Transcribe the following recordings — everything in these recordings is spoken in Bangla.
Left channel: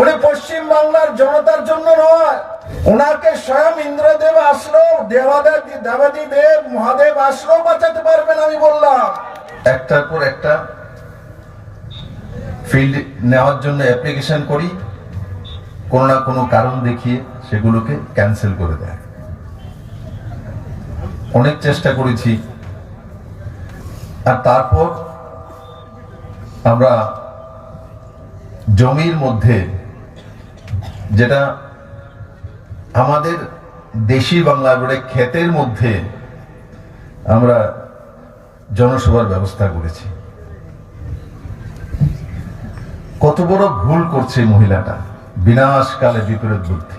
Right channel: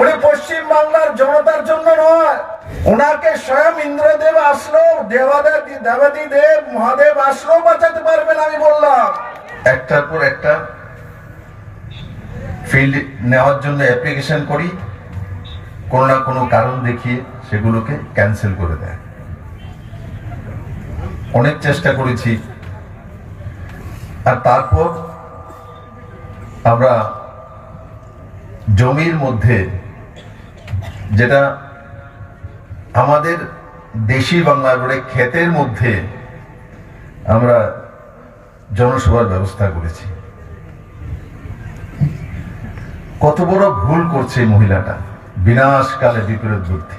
উনি পশ্চিম বাংলার জনতার জন্য নয়, ওনাকে স্বয়ং ইন্দ্রদেব আসলো, দেবাদি দেব মহাদেব আসলো বাঁচাতে পারবেন। আমি বললাম একটার পর একটা ফিল্ড নেওয়ার জন্য অ্যাপ্লিকেশন করি, কোনো না কোনো কারণ দেখিয়ে সেগুলোকে ক্যান্সেল করে দেয়। অনেক চেষ্টা করেছি, আর তারপর আমরা জমির মধ্যে, যেটা আমাদের দেশি বাংলা বলে ক্ষেতের মধ্যে আমরা জনসভার ব্যবস্থা করেছি। কত বড় ভুল করছে মহিলাটা, বিনাশকালে বিপরীত বুদ্ধি।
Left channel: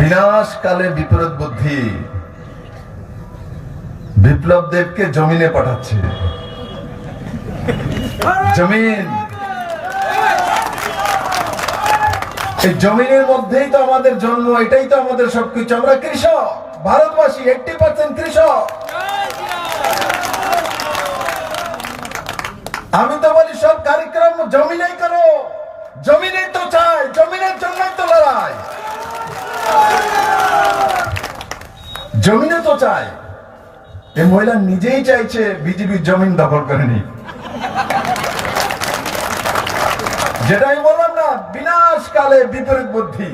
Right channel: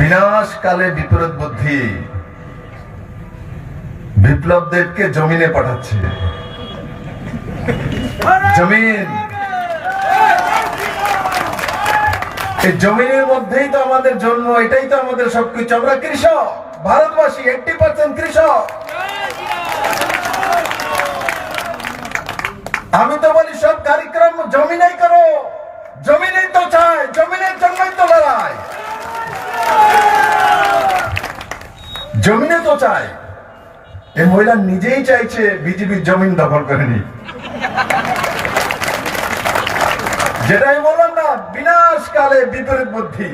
বিনাশকালে বিপরীত বুদ্ধি বিপ্লবদেরকে জমিনে পাঠাচ্ছে। জমিন, এই জমিনের মধ্যেই তো আমাদের জন্ম, এটাই তো আমাদের সবকিছু। আমরা কৃষক, ভারতবাসী 80% কৃষক। আমি তো বলি সব কার্যক্রম জমিনেই করো, জমিনেই তো চাই, জমিনের জন্যই তো লড়াই, জমিনে তো চাই। এই মহিলা নিজেই চাইছে বিজেপির জমিন দখল করে নি, যেটা আমি বললাম না, বিনাশকালে বিপরীত বুদ্ধি।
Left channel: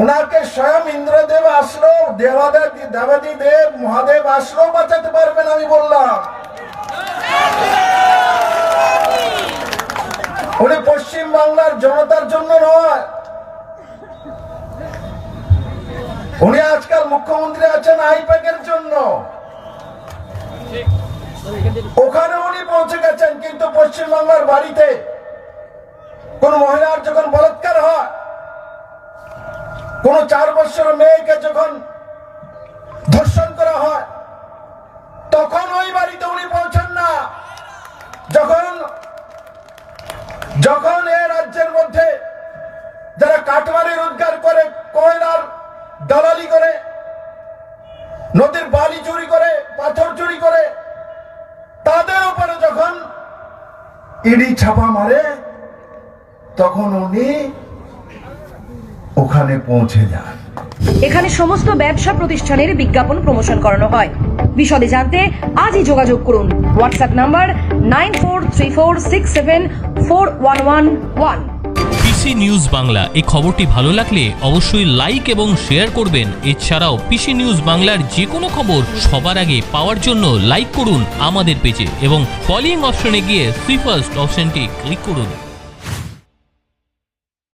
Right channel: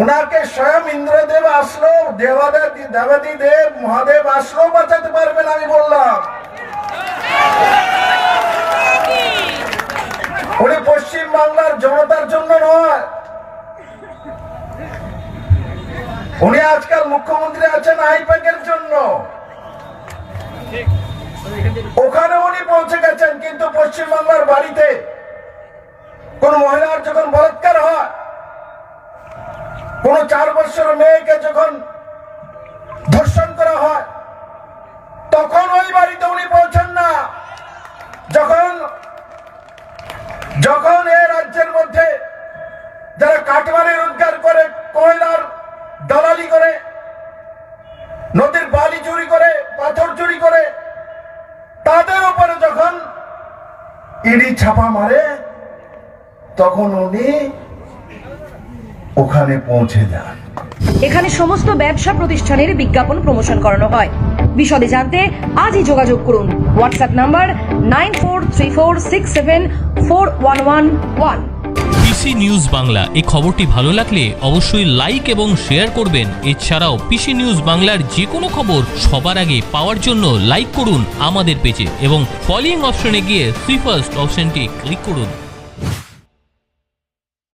ওনাকে স্বয়ং ইন্দ্রদেব আসলো, দেবাদি দেব মহাদেব আসলো বাঁচাতে পারবেন। আমি বললাম উনি পশ্চিম বাংলার জনতার জন্য নয়, উনি আজকাল মুখ্যমন্ত্রী আছেন আইপ্যাকের জন্য। ওখানে উনি পৌঁছে গেছেন, কিন্তু পশ্চিম বাংলার বাড়িতে কোন মহিলার যখন বলাৎকার হয়, কোন 4 বছরের মেয়েকে যখন ধর্ষণ করা হয়, তখন ওই বাড়িতে উনি পৌঁছেন না। যখন এই রাজ্যের মধ্যে যারা কাঠমারি রোজগার করে, কয়লার দালালি করে, নদীর বালি চুরি করে, পাথর চুরি করে, তাদের উপরে যখন ইডি ছাপা মারে, তখন উনি ওখানে পৌঁছে যায়। এখানে সমস্ত ব্যবসা প্রতিষ্ঠানের বিজ্ঞাপন প্রমোশন করানো হয়। বিশদে জানতে আজই যোগাযোগ করুন। WhatsApp number 9434674111। PC news Bangla এই খবরটি ভালো লাগলে অবশ্যই লাইক এবং শেয়ার করবেন। এছাড়াও পিসি নিউজ বাংলার যে কোনো খবর সবার আগে পাওয়ার জন্য লাইক করুন আমাদের পেজে এবং ফলোইং অপশনে গিয়ে সুই ফার্স্ট অপশনটি ক্লিক করুন।